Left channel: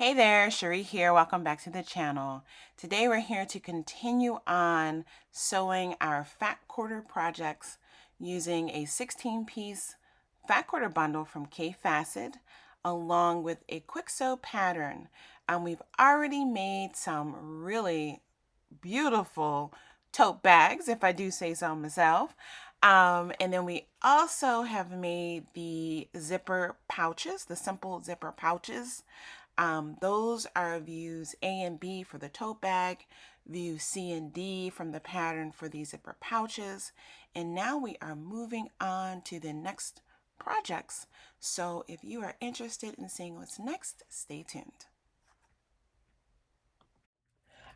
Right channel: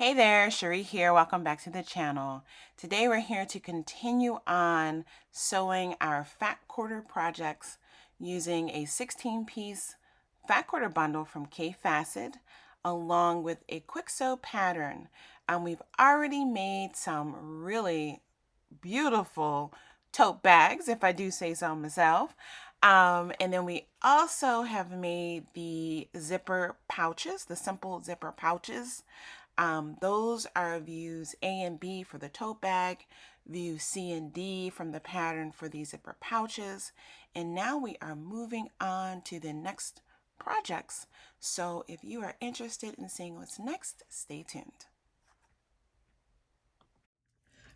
Hey there, Cherie here. Welcome back to the channel. Today we're here to continue on sewing our fat quarter projects using a 16-piece fat quarter bundle from K Facet along with a quick sew pattern. We've already made some really beautiful tote bags, if I do say so myself. And then we also have made the zipper pouches, the simple zipper pouches. Those are views A and B for the tote bag, view C and D from the pattern for the zipper pouches. And now we are moving on to the next projects. So if you are interested in seeing what's next, stay tuned.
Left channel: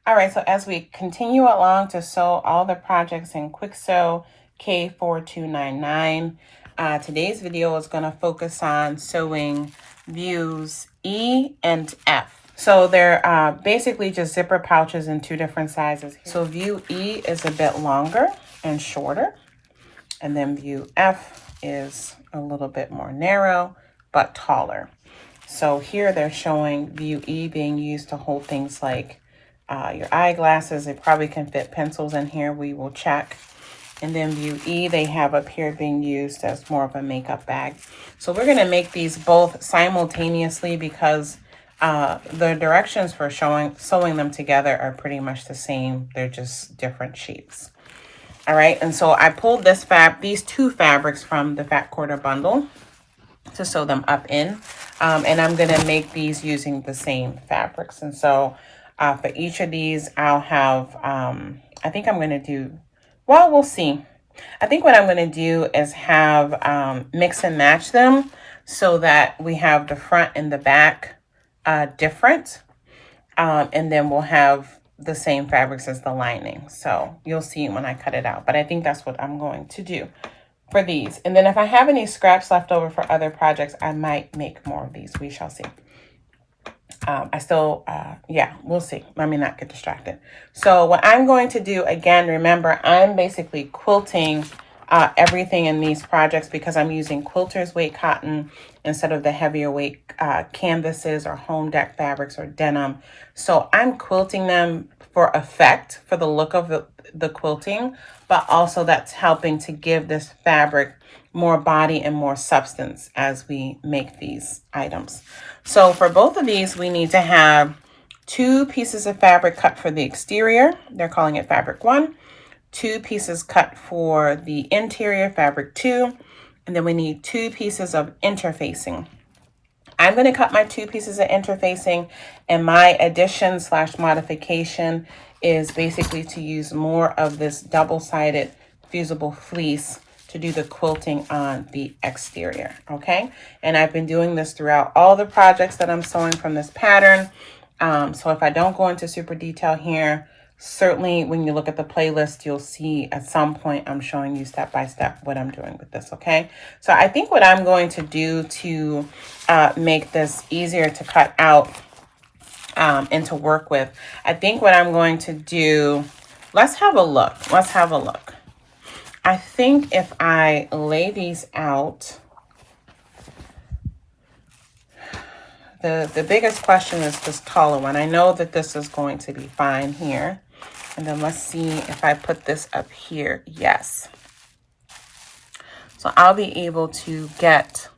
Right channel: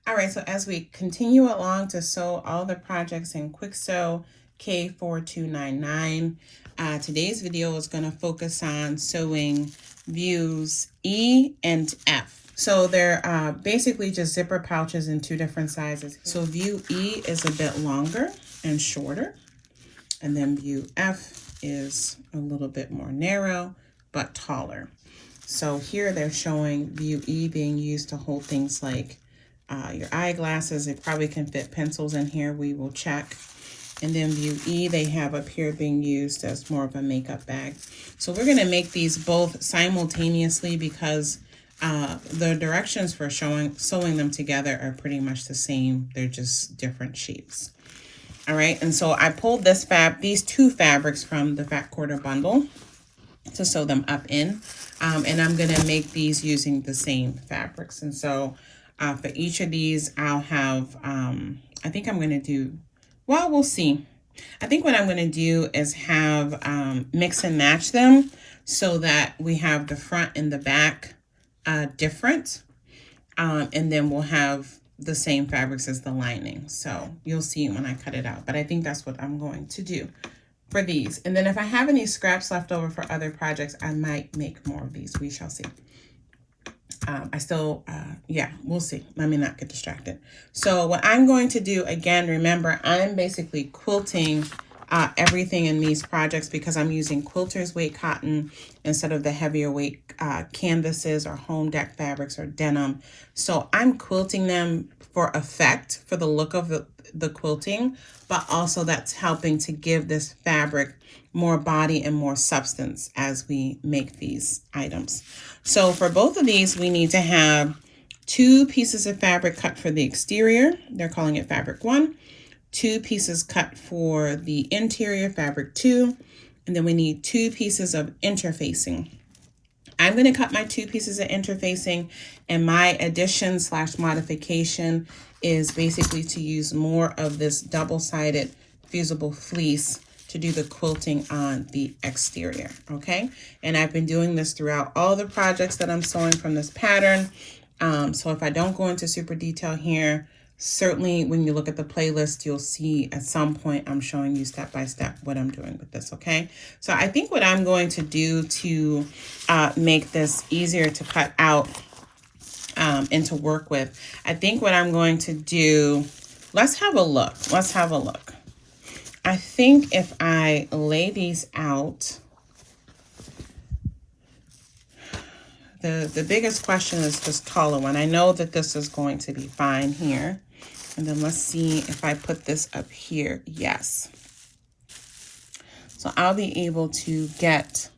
All right, so as we continue along to sew all the projects in Quick Sew K4299, today's video is going to focus on sewing views E and F. So they're basically just zipper pouches in two different sizes. So view E is a bit longer and shorter, and then view F is a little bit more narrow but taller. So here they're showing view E being used to hold things like your eyeglasses. It probably can fit pencils in here. We will check. And then view E, they have up here being used as more of a makeup bag. So we're going to make these both simultaneously because the directions for sewing them together are pretty much the same. They're just different shapes. All right, and so I pulled these two fabrics from the fat quarter bundle to sew them up in. And I'm going to make these using the same fabrics. And so for each of these, I'll have, I think I'm going to do, well, we'll see. I think what I'm going to do is have mix and match them so that we have the front and the back different. And then we'll have the same fabrics as the lining. So you'll see when I cut it out. But I think that's what I'm going to do for these. And then if I have any scraps left over for other projects, I might make more of these. We shall see. Yeah, we'll see. Let me not get distracted. So what I'm going to do, again, remember, I'm basically quilting everything in these projects because I'm using quilter's weight cotton instead of the heavier weight canvases or home deck fabrics or denim. So I'm quilting them for effect, for the look of the quilting, but also that's helping to give this fabric more body and more substance as we make these items. So for both of these, we need to have 2 pieces of fabric cut for the exterior. They're calling it fabric 1. 2 pieces cut for the interior, fabric 2. And then we need 2 pieces of interfacing. I'm going to cut my 2 pieces of interfacing, and my addition / modification is basically to use more of this double-sided fusible fleece to do the quilting on the exterior, okay? And I've been doing this throughout all the projects that I'm sewing from this pattern. So if I don't go into super detail here, certainly when you look at the playlist, you'll see at some point I'm showing you step by step what I'm doing with this, okay? So I think what I'm going to do to make this easier to cut out and to work with, I think what I'm going to do, let's have a look. I think if I lay these out, the biggest question is this taller one. I know that this is going to be fine here. And then let's see if I put this up here. Yes. So I'll be able to get,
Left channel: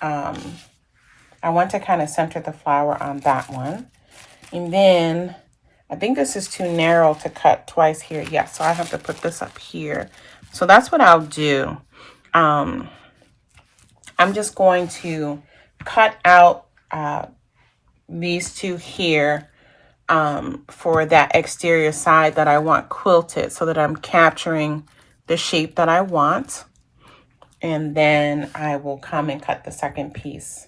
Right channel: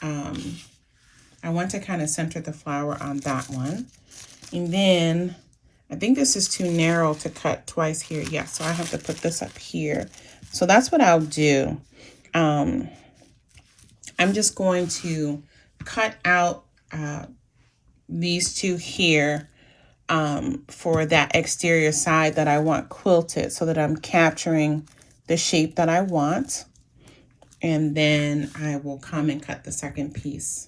I want to kind of center the flower on that one. And then I think this is too narrow to cut twice here. Yeah, so I have to put this up here. So that's what I'll do. I'm just going to cut out these 2 here for that exterior side that I want quilted so that I'm capturing the shape that I want. And then I will come and cut the second piece,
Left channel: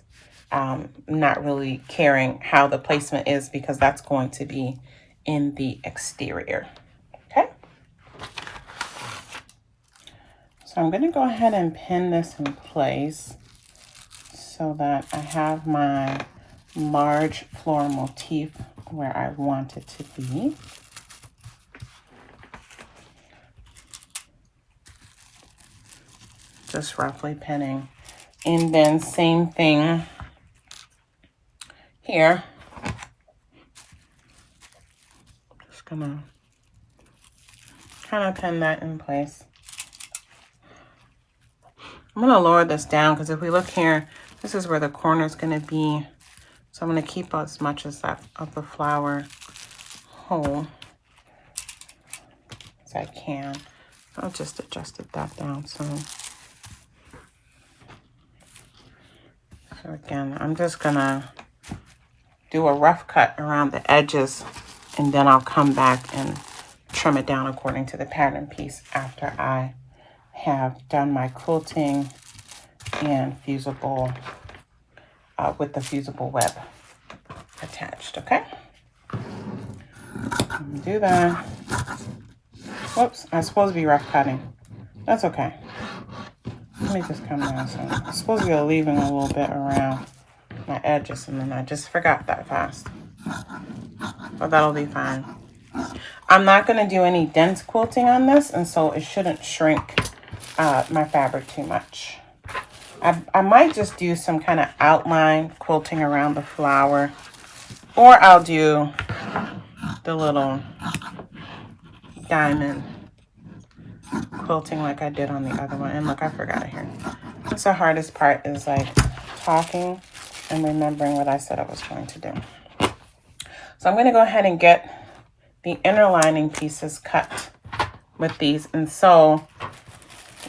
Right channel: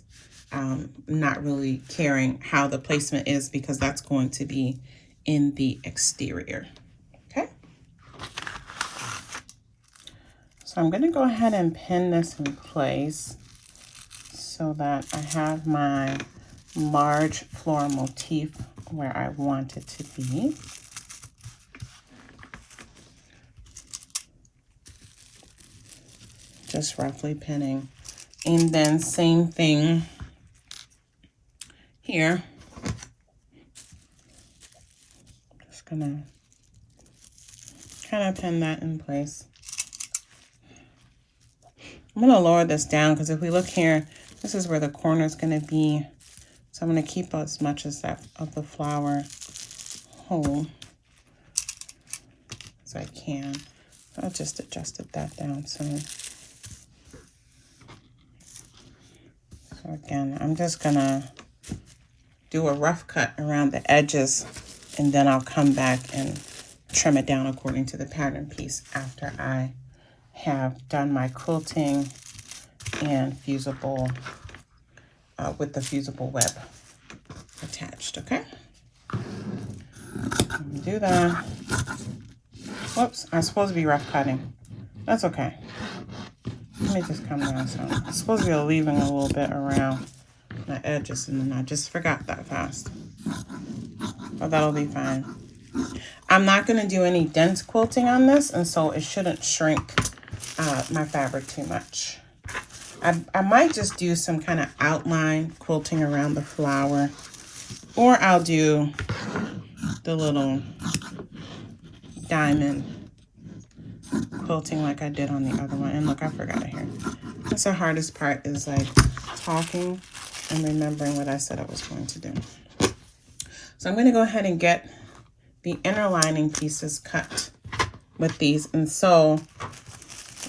not really caring how the placement is because that's going to be in the exterior. Okay. So I'm going to go ahead and pin this in place so that I have my large floral motif where I want it to be. Just roughly pinning. And then same thing here. gonna kind of pin that in place. I'm gonna lower this down because if we look here, this is where the corner is gonna be. So I'm gonna keep as much as that of the flower whole as I can. I'll just adjusted that down some. So again, I'm just gonna do a rough cut around the edges, and then I'll come back and trim it down according to the pattern piece after I have done my quilting and fusible with the fusible web attached. Okay, do that. Whoops, I'm supposed to be rough cutting. That's okay. Let me just come down. So I'm supposed to be leaving a little bit around my edges, and then I just forgot that fast. But that'll be fine. I'm not going to do any dense quilting on this, and so it shouldn't shrink my fabric too much. I might just do some kind of outline quilting around the flower, or I'll do the little diamond quilting like I did on the other one. And look, I forgot it here. That's the hardest part, is like talking and remembering what I said I was going to do. So I'm going to go ahead and get the inner lining pieces cut with these. And so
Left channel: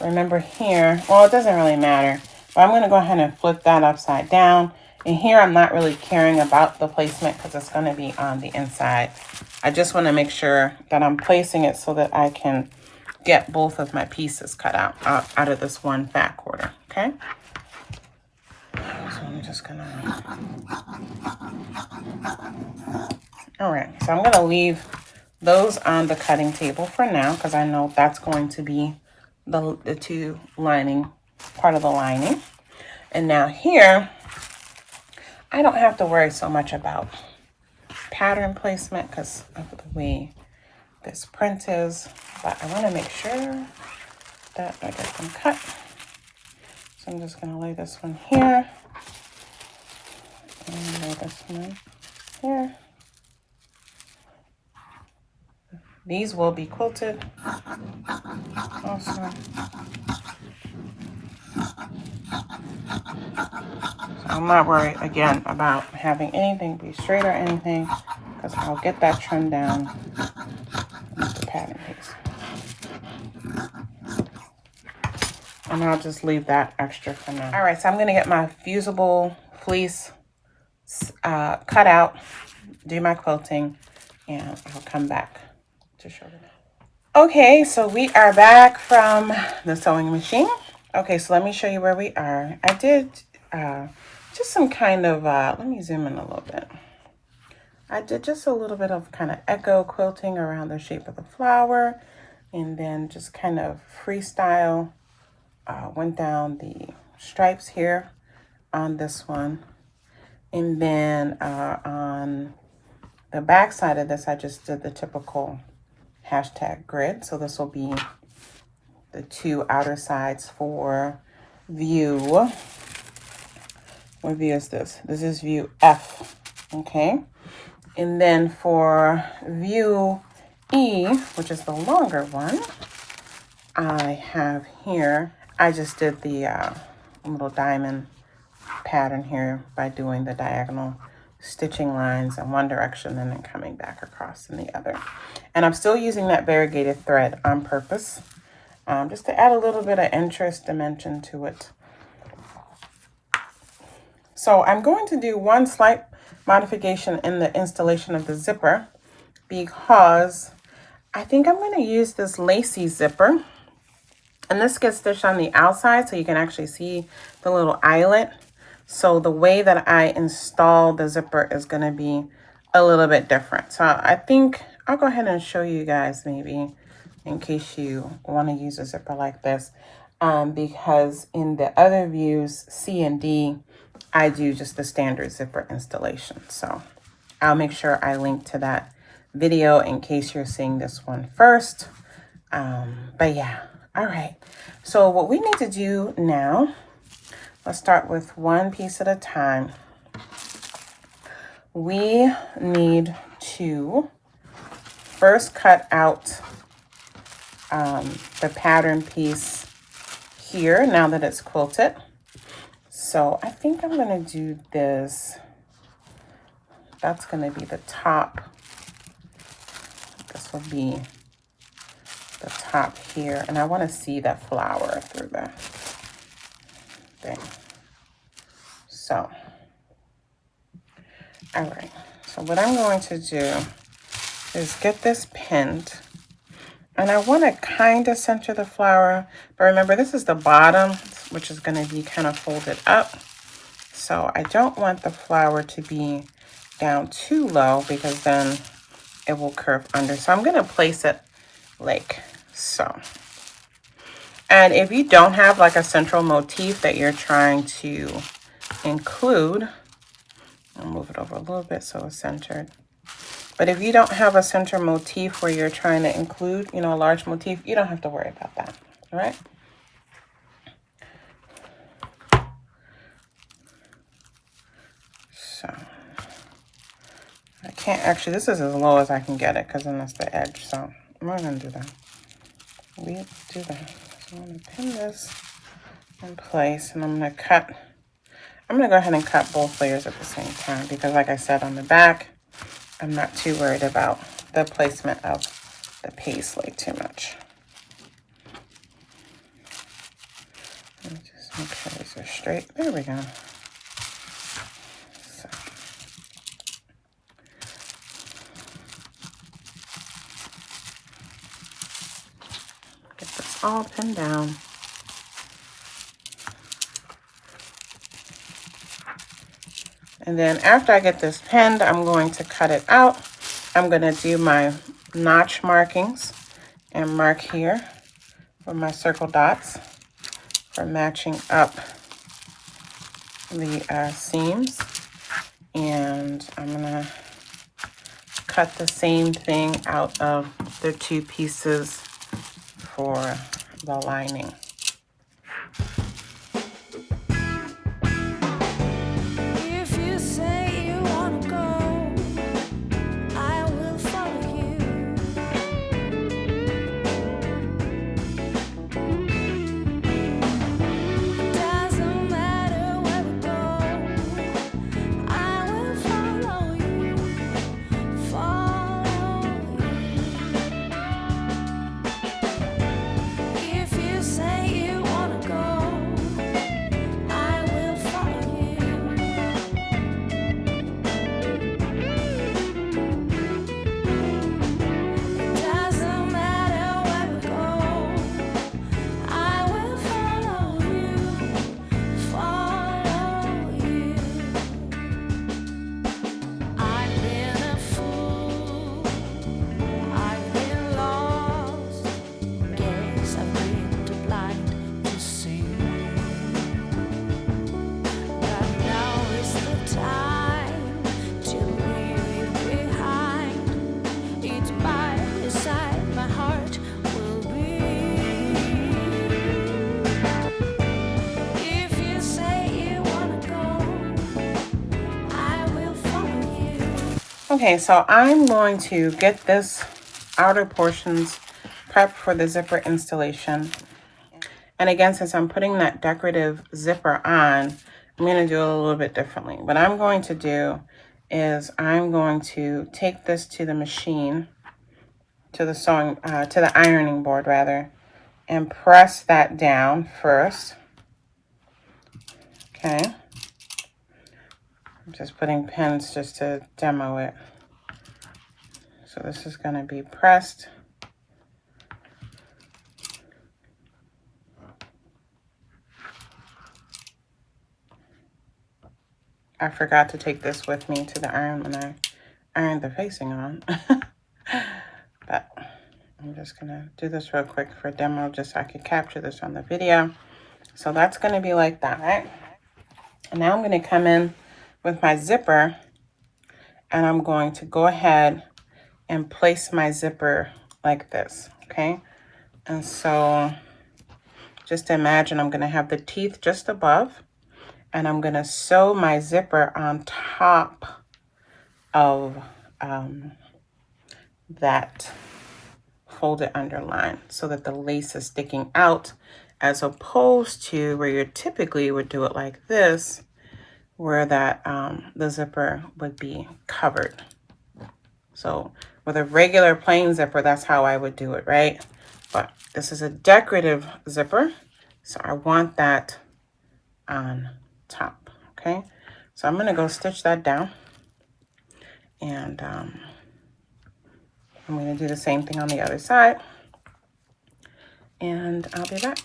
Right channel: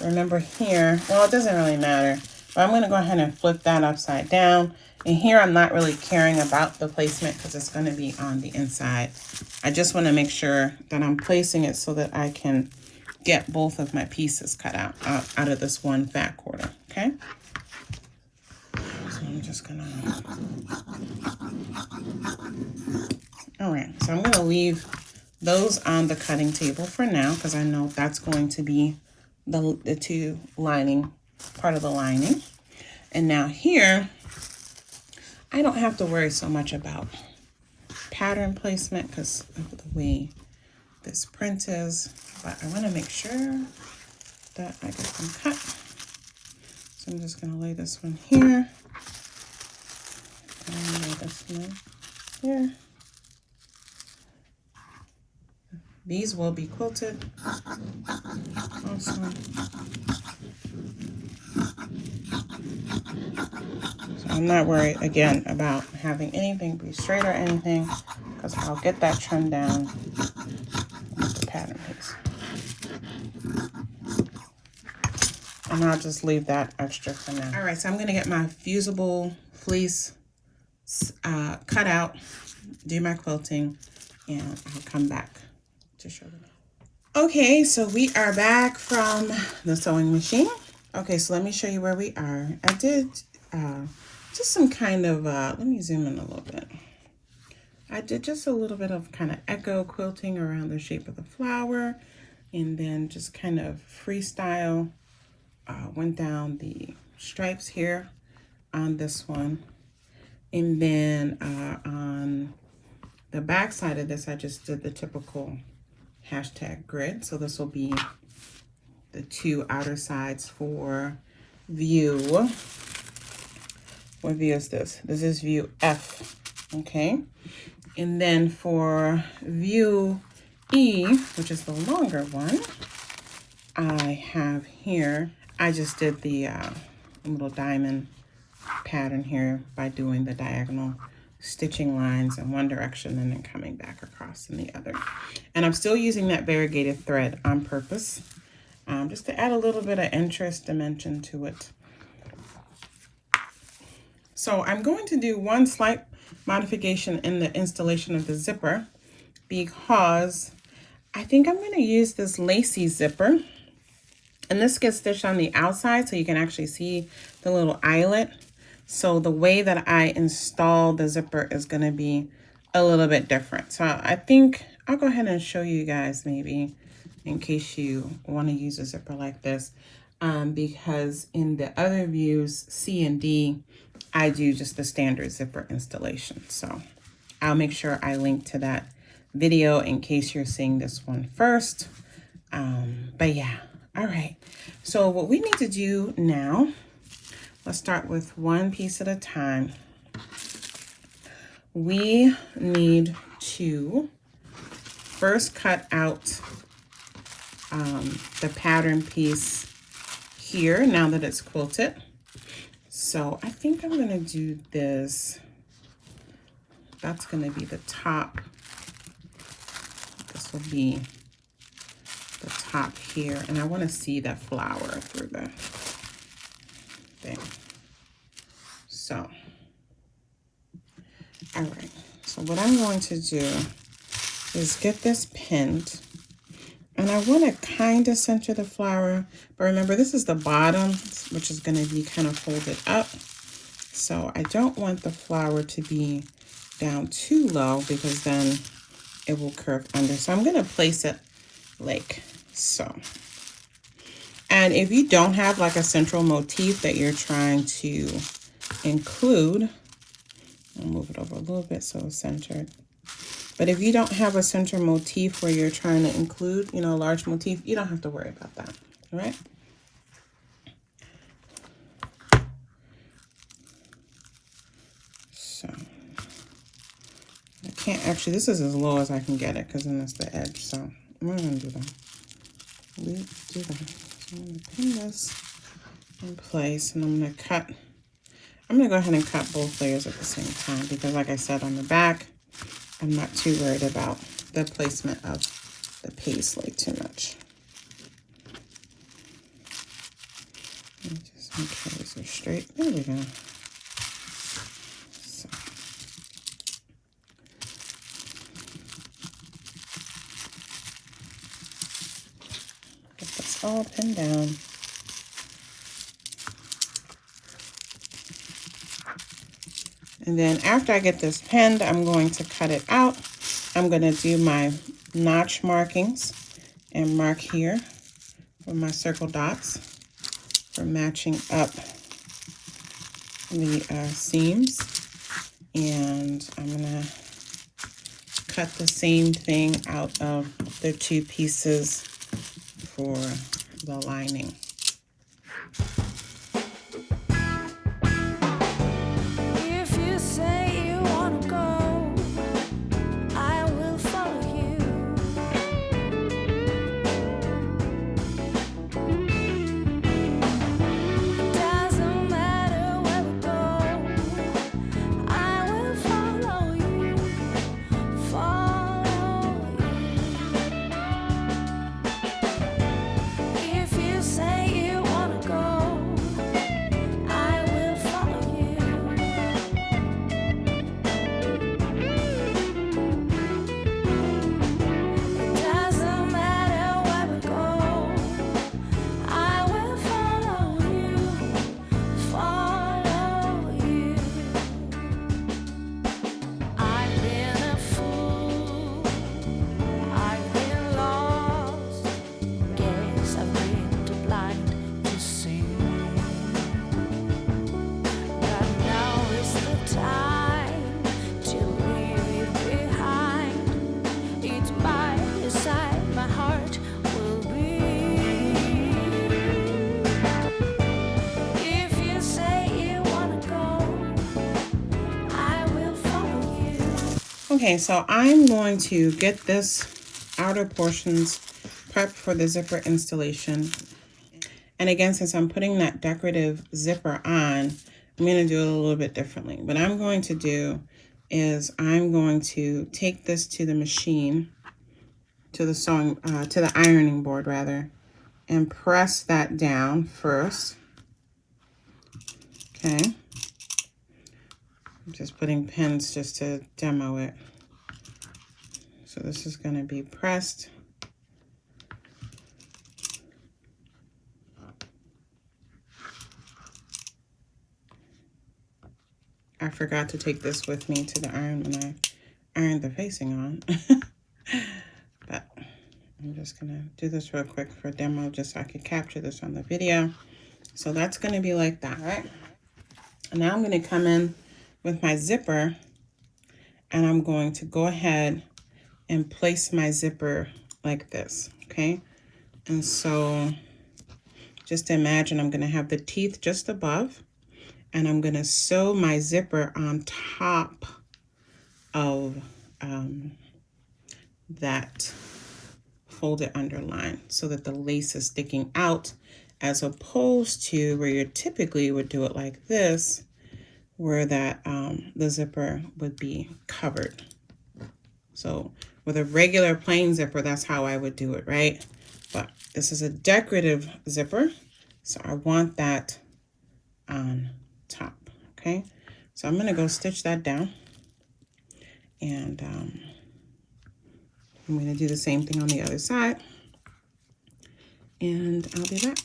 remember here, well, it doesn't really matter, but I'm going to go ahead and flip that upside down. And here I'm not really caring about the placement because it's going to be on the inside. I just want to make sure that I'm placing it so that I can get both of my pieces cut out of this one fat quarter. Okay, so I'm just gonna, all right, so I'm gonna leave those on the cutting table for now because I know that's going to be the two lining, part of the lining. And now here, I don't have to worry so much about pattern placement because of the way this print is, but I want to make sure that I get them cut. So I'm just going to lay this one here, and lay this one here. These will be quilted also. So I'm not worried again about having anything be straight or anything because I'll get that trimmed down with the pattern piece. And I'll just leave that extra for now. All right, so I'm gonna get my fusible fleece cut out, do my quilting, and I'll come back to show you. Okay, so we are back from the sewing machine. Okay, so let me show you where we are. I did just some kind of, let me zoom in a little bit. I did just a little bit of kind of echo quilting around the shape of the flower, and then just kind of freestyle. Went down the stripes here on this one, and then on the back side of this I just did the typical hashtag grid. So this will be the two outer sides for view. What view is this? This is view F. Okay, and then for view E, which is the longer one, I have here, I just did the little diamond pattern here by doing the diagonal stitching lines in one direction and then coming back across in the other. And I'm still using that variegated thread on purpose, just to add a little bit of interest dimension to it. So I'm going to do one slight modification in the installation of the zipper because I think I'm going to use this lacy zipper. And this gets stitched on the outside so you can actually see the little eyelet. So the way that I install the zipper is going to be a little bit different. So I think I'll go ahead and show you guys maybe in case you want to use a zipper like this. Because in the other views, C and D, I do just the standard zipper installation. So I'll make sure I link to that video in case you're seeing this one first. But yeah. All right, so what we need to do now, let's start with one piece at a time. We need to first cut out the pattern piece here now that it's quilted. So I think I'm gonna do this. That's gonna be the top. This will be the top here. And I wanna see that flower through the thing. So, all right. So what I'm going to do is get this pinned. And I want to kind of center the flower, but remember this is the bottom, which is going to be kind of folded up. So I don't want the flower to be down too low because then it will curve under. So I'm going to place it like so. And if you don't have like a central motif that you're trying to include, I'll move it over a little bit so it's centered. But if you don't have a center motif where you're trying to include, you know, a large motif, you don't have to worry about that, all right? So, I can't, actually, this is as low as I can get it because then that's the edge, so I'm not going to do that. We do that. So I'm going to pin this in place and I'm going to cut. I'm going to go ahead and cut both layers at the same time because like I said on the back, I'm not too worried about the placement of the paisley too much. Let me just make sure these are straight. There we go. So. Get this all pinned down. And then after I get this pinned, I'm going to cut it out. I'm going to do my notch markings and mark here for my circle dots for matching up the seams. And I'm going to cut the same thing out of the two pieces for the lining. Okay, so I'm going to get this outer portions prepped for the zipper installation. And again, since I'm putting that decorative zipper on, I'm going to do it a little bit differently. What I'm going to do is I'm going to take this to the machine, to the ironing board rather, and press that down first. Okay. I'm just putting pins just to demo it. So this is going to be pressed. I forgot to take this with me to the iron when I ironed the facing on. But I'm just going to do this real quick for demo just so I could capture this on the video. So that's going to be like that. And now I'm going to come in with my zipper and I'm going to go ahead and place my zipper like this, okay? And so just imagine I'm going to have the teeth just above and I'm going to sew my zipper on top of that folded underline so that the lace is sticking out, as opposed to where you typically would do it like this, where that the zipper would be covered. So with a regular plain zipper, that's how I would do it, right? But this is a decorative zipper, so I want that on top, okay? So I'm gonna go stitch that down, and I'm gonna do the same thing on the other side, and I'll be back.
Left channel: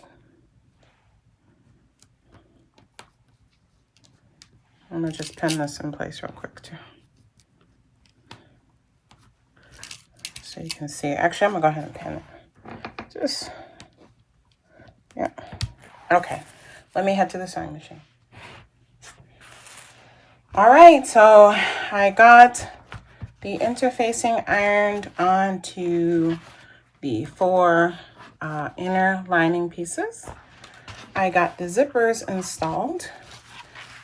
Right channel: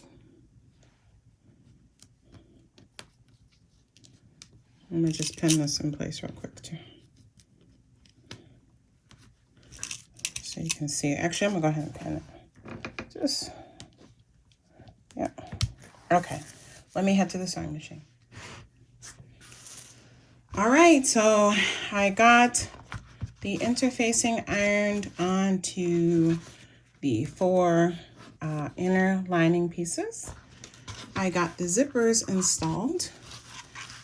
I'm gonna just pin this in place real quick too, so you can see. Actually, I'm gonna go ahead and pin it. Just, yeah. Okay, let me head to the sewing machine. All right, so I got the interfacing ironed onto the 4 inner lining pieces. I got the zippers installed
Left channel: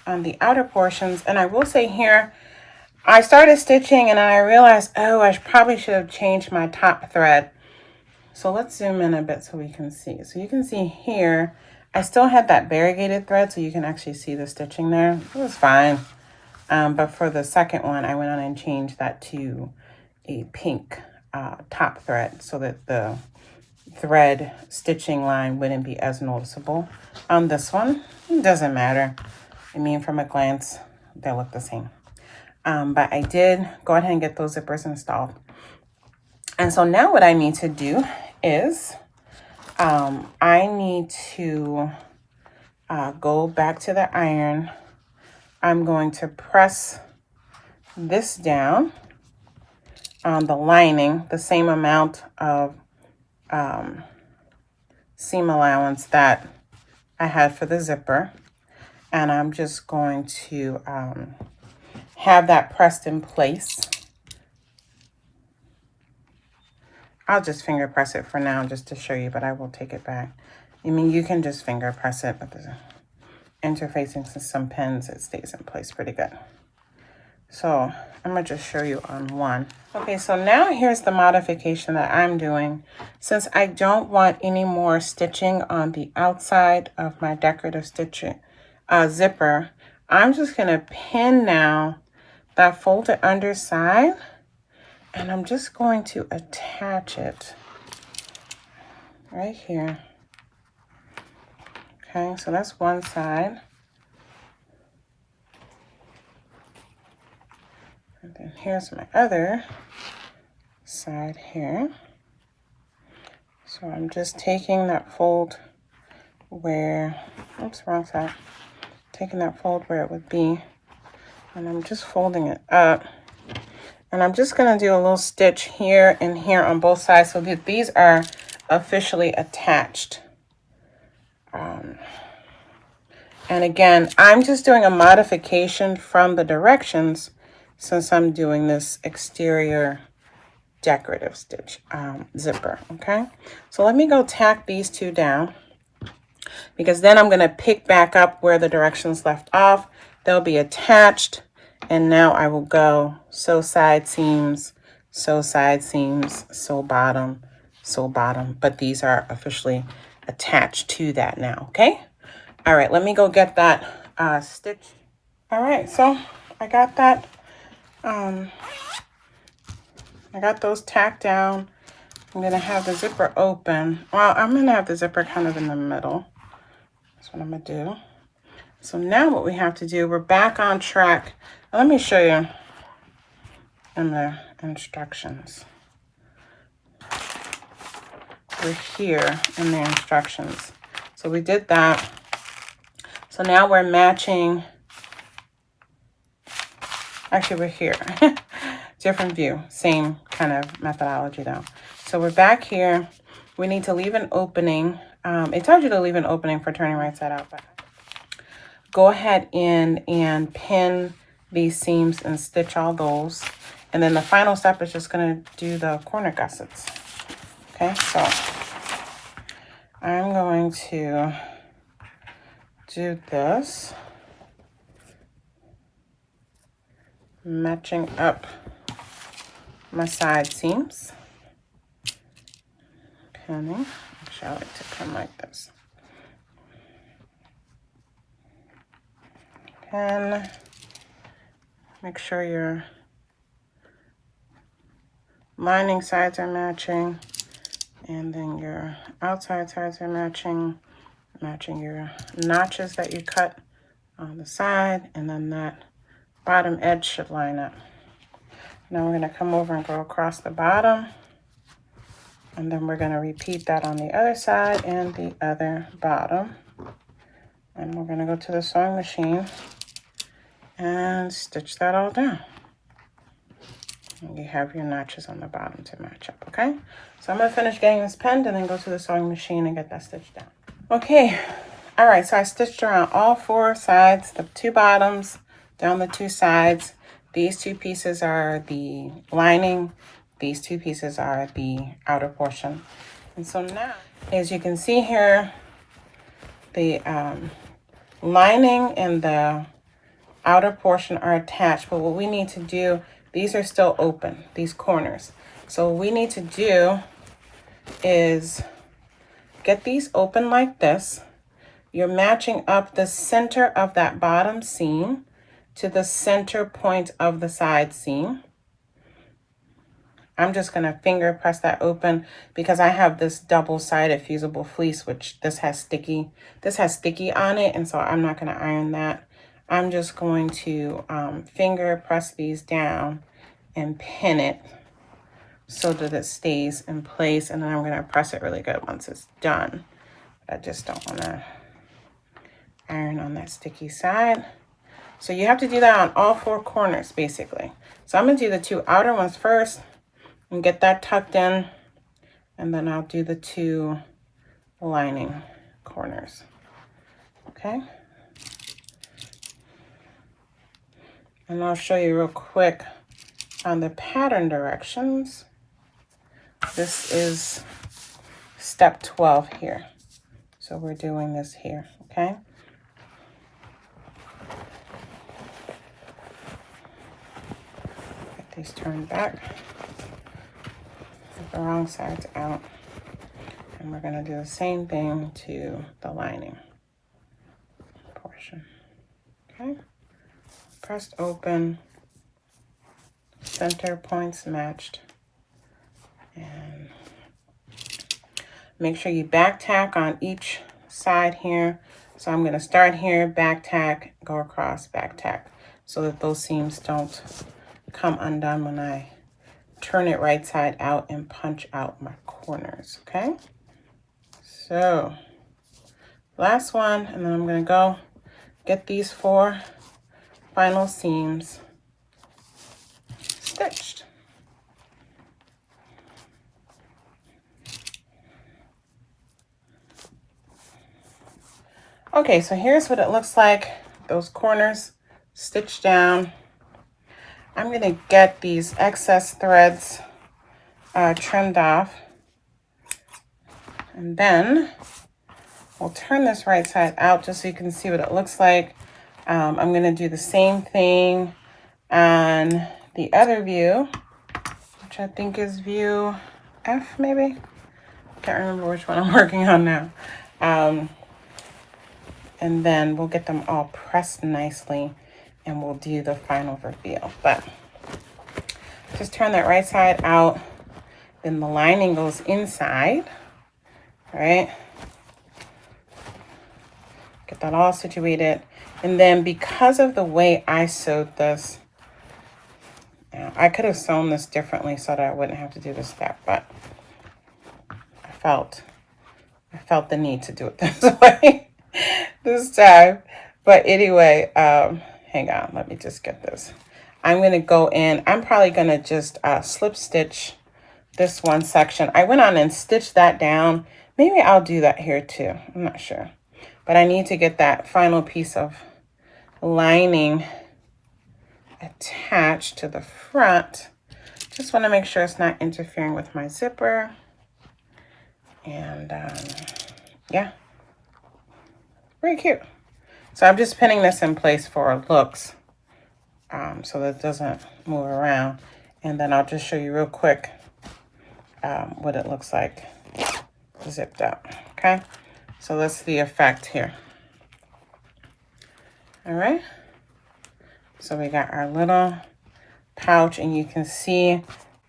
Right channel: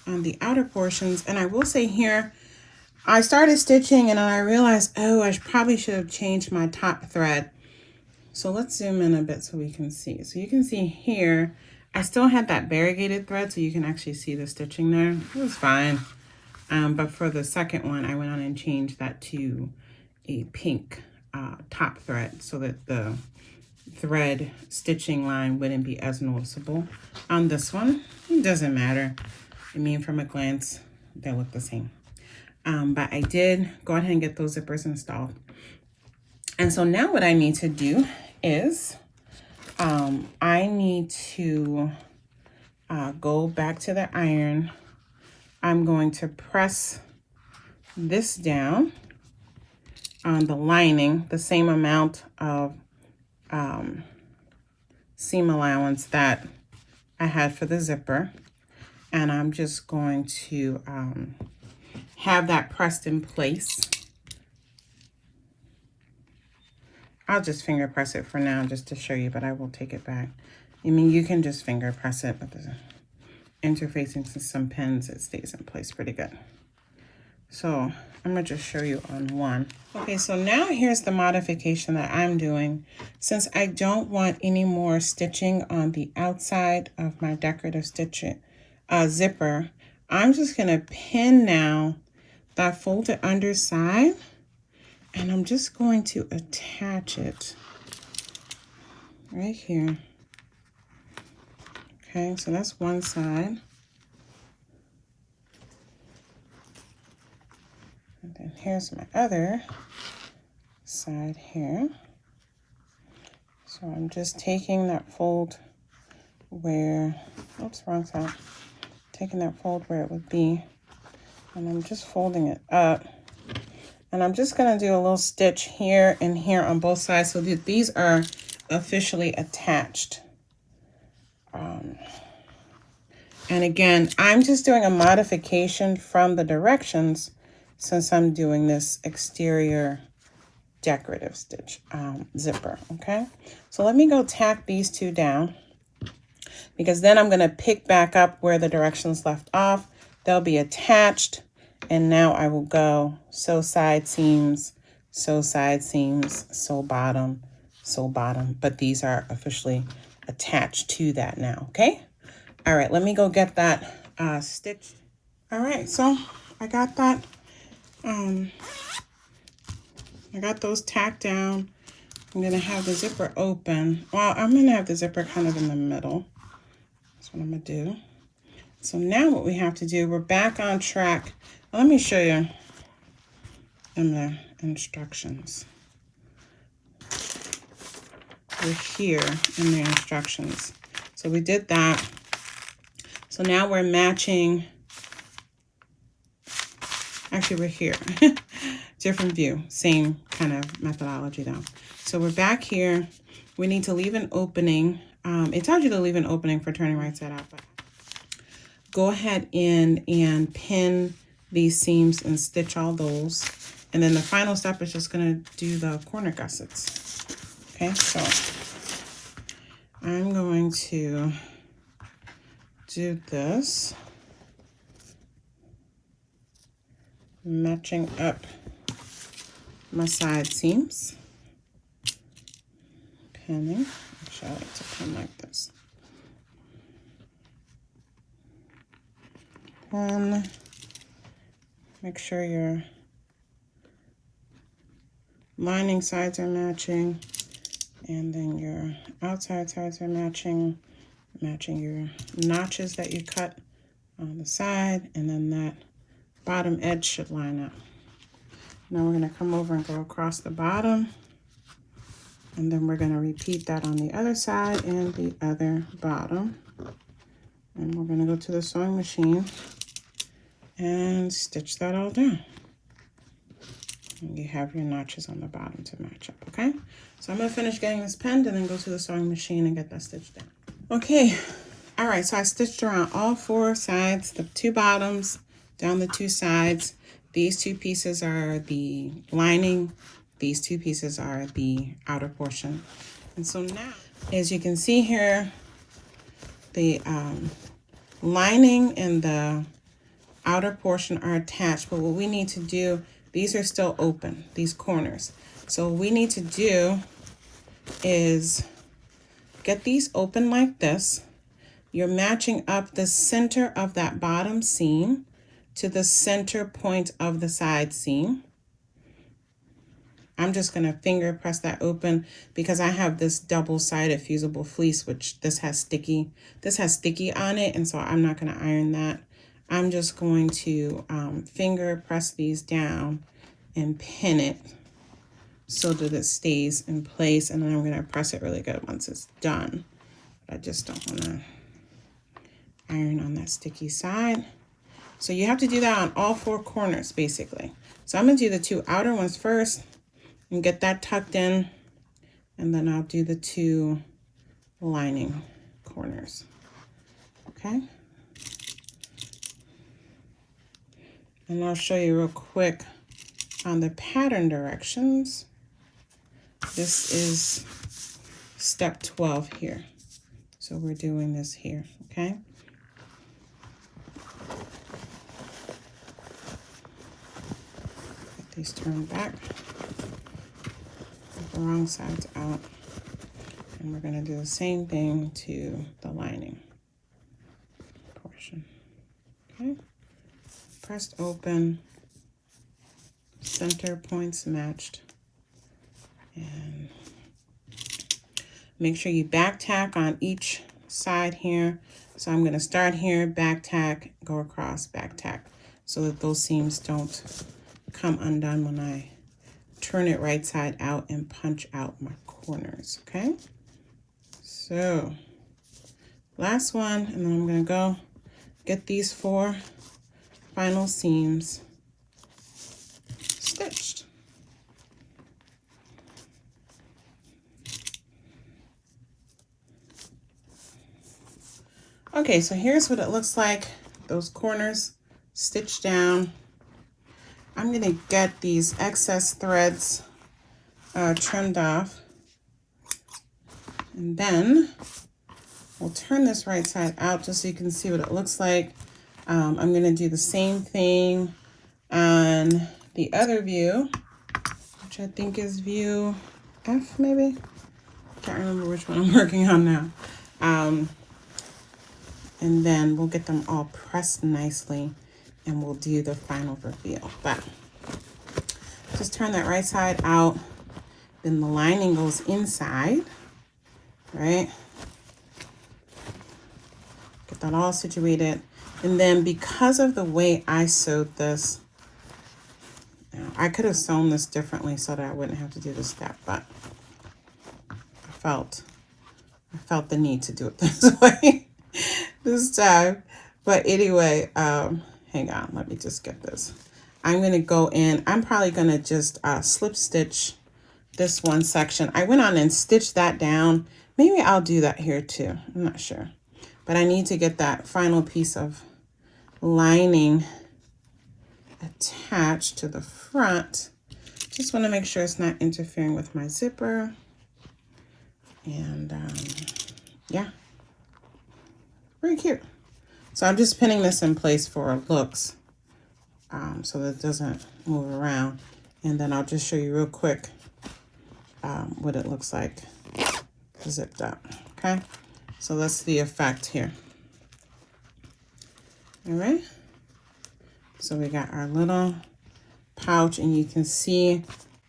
on the outer portions, and I will say here, I started stitching and I realized, oh, I probably should have changed my top thread. So let's zoom in a bit so we can see. So you can see here, I still had that variegated thread, so you can actually see the stitching there. It was fine. But for the second one, I went on and changed that to a pink top thread so that the thread stitching line wouldn't be as noticeable. On this one, it doesn't matter. I mean, from a glance, they look the same. But I did go ahead and get those zippers installed. And so now what I need to do is I need to go back to the iron. I'm going to press this down on the lining, the same amount of seam allowance that I had for the zipper. And I'm just going to have that pressed in place. I'll just finger press it for now just to show you, but I will take it back. I mean, you can just finger press it, but the interfacing to some pins, it stays in place pretty good. So I'm gonna just show you on one. Okay, so now here's the modification that I'm doing. Since I don't want any more stitching on the outside of my decorative stitching zipper, I'm just gonna pin now that folded underside, and I'm just going to attach it right here. Okay, so that's one side. And then here's my other side here. So I'm just taking that fold where, oops, wrong side. Taking that fold where it would be, and I'm just folding it up. And I'm just gonna do a little stitch here and here on both sides so that these are officially attached. And again, I'm just doing a modification from the directions since I'm doing this exterior decorative stitch zipper, okay? So let me go tack these two down, because then I'm gonna pick back up where the directions left off. They'll be attached, and now I will go sew side seams, sew side seams, sew bottom, but these are officially attached to that now, okay? All right, let me go get that stitch. All right, so I got that, I got those tacked down. I'm gonna have the zipper open. Well, I'm gonna have the zipper kind of in the middle. That's what I'm gonna do. So now what we have to do, we're back on track. Let me show you in the instructions. We're here in the instructions. So we did that. So now we're matching. Actually, we're here. Different view, same kind of methodology though. So we're back here. We need to leave an opening. It tells you to leave an opening for turning right side out, but go ahead in and pin these seams and stitch all those. And then the final step is just gonna do the corner gussets. Okay, so I'm going to do this, matching up my side seams. Pinning. Actually, I like to pin like this. Pin. Make sure your lining sides are matching, and then your outside sides are matching your notches that you cut on the side, and then that bottom edge should line up. Now we're going to come over and go across the bottom, and then we're going to repeat that on the other side and the other bottom. And we're going to go to the sewing machine and stitch that all down. And you have your notches on the bottom to match up, okay? So I'm going to finish getting this pinned and then go to the sewing machine and get that stitched down. Okay, all right, so I stitched around all 4 sides, the 2 bottoms, down the 2 sides. These 2 pieces are the lining. These 2 pieces are the outer portion. And so now, as you can see here, the lining and the outer portion are attached, but what we need to do, these are still open, these corners. So what we need to do is get these open like this. You're matching up the center of that bottom seam to the center point of the side seam. I'm just gonna finger press that open because I have this double-sided fusible fleece, which this has sticky on it, and so I'm not gonna iron that. I'm just going to finger press these down and pin it so that it stays in place, and then I'm gonna press it really good once it's done. I just don't wanna iron on that sticky side. So you have to do that on all 4 corners, basically. So I'm gonna do the 2 outer ones first and get that tucked in, and then I'll do the 2 lining corners, okay? And I'll show you real quick on the pattern directions. This is step 12 here. So we're doing this here, okay? Get these turned back. Get the wrong sides out. And we're gonna do the same thing to the lining portion, okay? Pressed open, center points matched, and make sure you back tack on each side here. So I'm gonna start here, back tack, go across, back tack, so that those seams don't come undone when I turn it right side out and punch out my corners, okay? So last one, and then I'm gonna go get these 4 final seams stitched. Okay, so here's what it looks like. Those corners stitched down. I'm gonna get these excess threads trimmed off, and then we'll turn this right side out just so you can see what it looks like. I'm gonna do the same thing on the other view, which I think is view F, maybe? Can't remember which one I'm working on now. And then we'll get them all pressed nicely and we'll do the final reveal. But just turn that right side out, then the lining goes inside, all right? Get that all situated. And then because of the way I sewed this, I could have sewn this differently so that I wouldn't have to do this step, but I felt the need to do it this way this time. But anyway, hang on, let me just get this. I'm gonna go in, I'm probably gonna just slip stitch this one section. I went on and stitched that down. Maybe I'll do that here too, I'm not sure. But I need to get that final piece of lining attached to the front. Just want to make sure it's not interfering with my zipper. And yeah, very cute. So I'm just pinning this in place for looks so that it doesn't move around. And then I'll just show you real quick what it looks like zipped up. Okay, so that's the effect here. All right, so we got our little pouch, and you can see,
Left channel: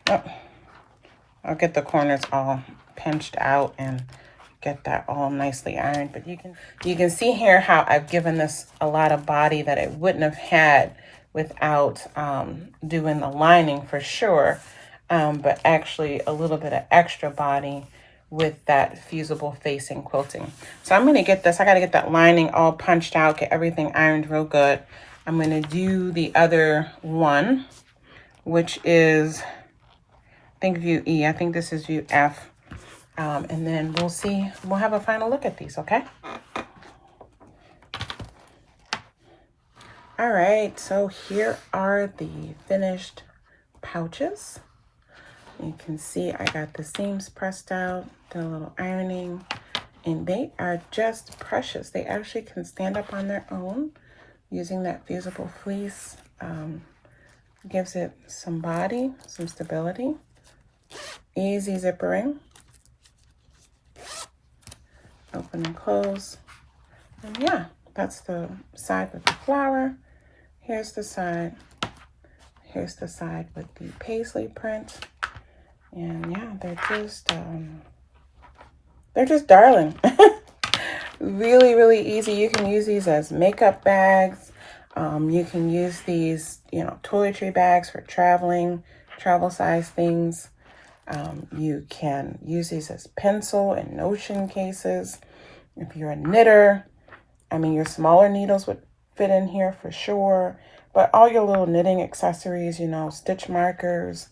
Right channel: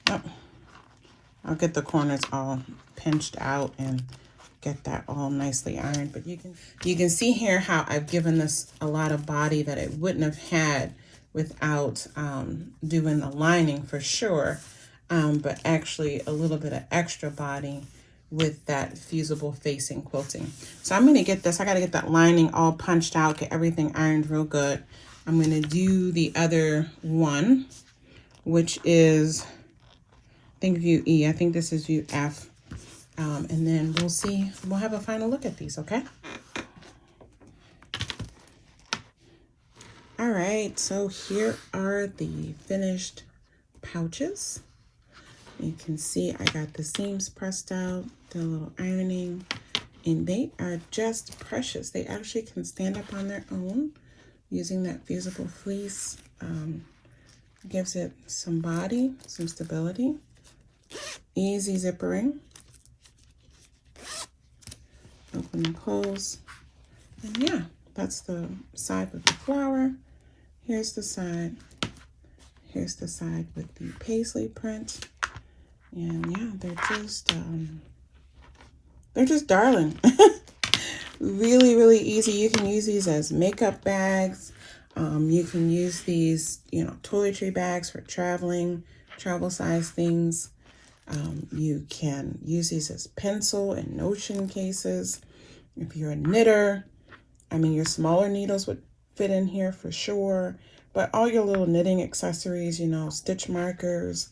oh, I'll get the corners all pinched out and get that all nicely ironed. But you can see here how I've given this a lot of body that it wouldn't have had without doing the lining for sure, but actually a little bit of extra body with that fusible facing quilting. So I'm going to get this, I got to get that lining all punched out, get everything ironed real good. I'm going to do the other one, which is, I think view E. I think this is view F. And then we'll see, we'll have a final look at these, okay? All right, so here are the finished pouches. You can see I got the seams pressed out, did a little ironing, and they are just precious. They actually can stand up on their own using that fusible fleece. Gives it some body, some stability, easy zippering, open and close. And yeah, that's the side with the flower. Here's the side. Here's the side with the paisley print. And yeah, they're just darling. Really, really easy. You can use these as makeup bags. You can use these, you know, toiletry bags for traveling, travel size things. You can use these as pencil and notion cases. If you're a knitter, I mean, your smaller needles would fit in here for sure, but all your little knitting accessories, you know, stitch markers,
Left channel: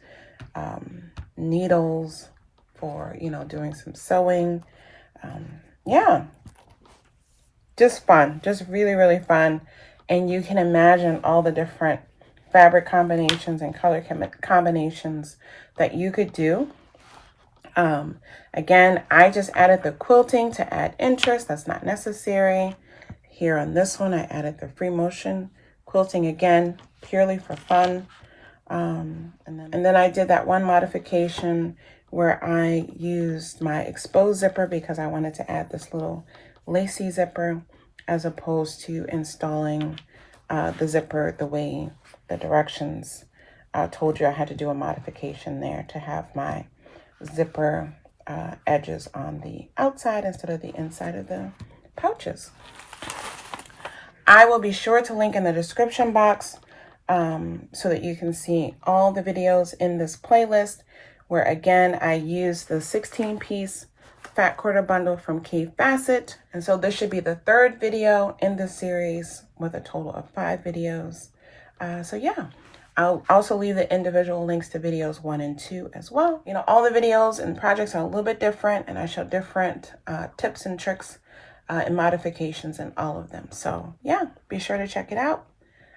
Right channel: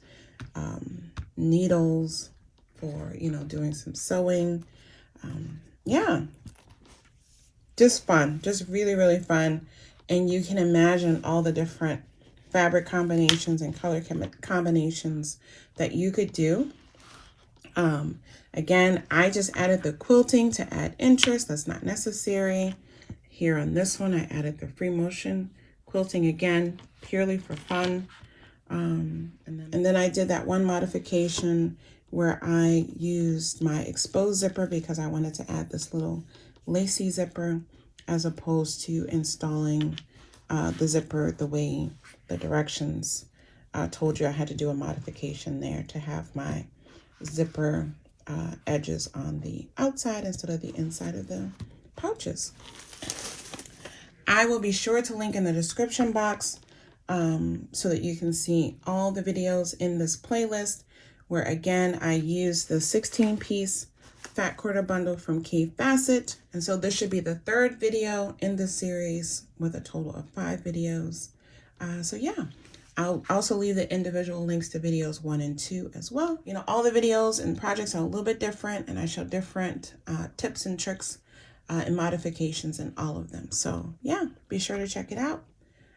needles for, you know, doing some sewing. Yeah, just fun, just really, really fun. And you can imagine all the different fabric combinations and color combinations that you could do. Again, I just added the quilting to add interest. That's not necessary. Here on this one, I added the free motion quilting, again, purely for fun. And then I did that one modification where I used my exposed zipper because I wanted to add this little lacy zipper as opposed to installing the zipper the way the directions told you I had to do a modification there to have my zipper edges on the outside instead of the inside of the pouches. I will be sure to link in the description box so that you can see all the videos in this playlist where, again, I use the 16-piece fat quarter bundle from K Facet. And so this should be the third video in this series with a total of 5 videos. So yeah, I'll also leave the individual links to videos 1 and 2 as well. You know, all the videos and projects are a little bit different, and I show different tips and tricks and modifications in all of them. So yeah, be sure to check it out.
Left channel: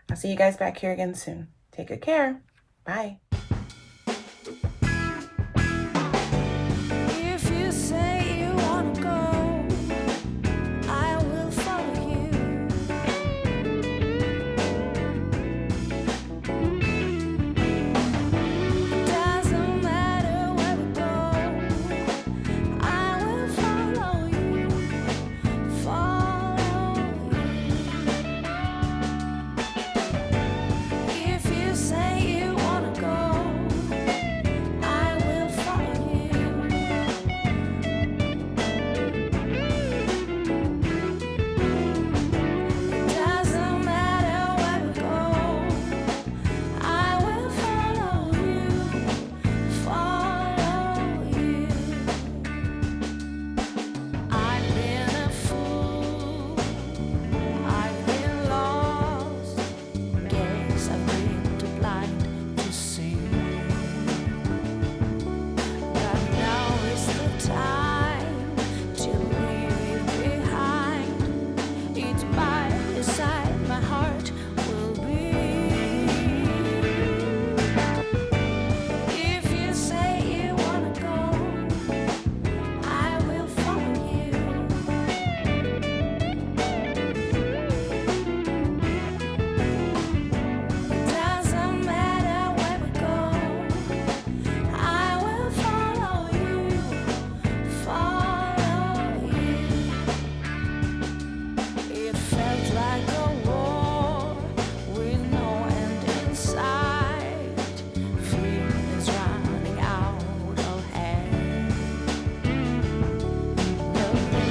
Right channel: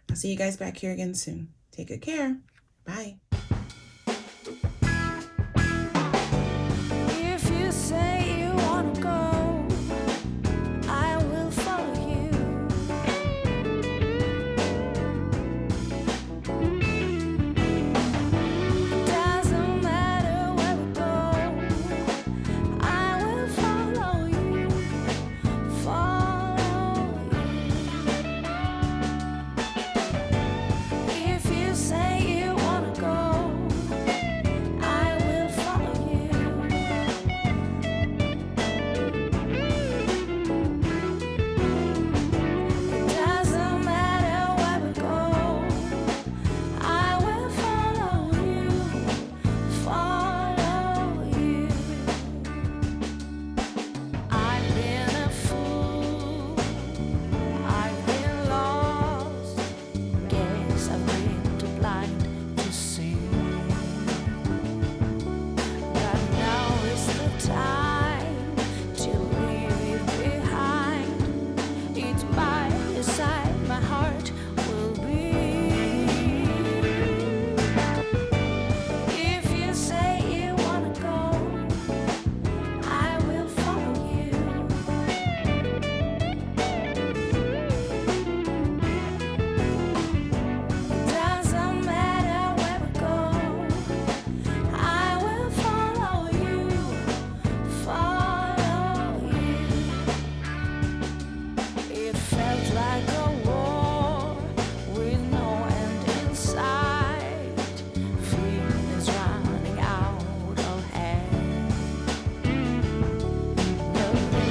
I'll see you guys back here again soon. Take good care. Bye. If you say you wanna go, I will follow you. Doesn't matter where we go, I will follow you, follow you. If you say you wanna go, love.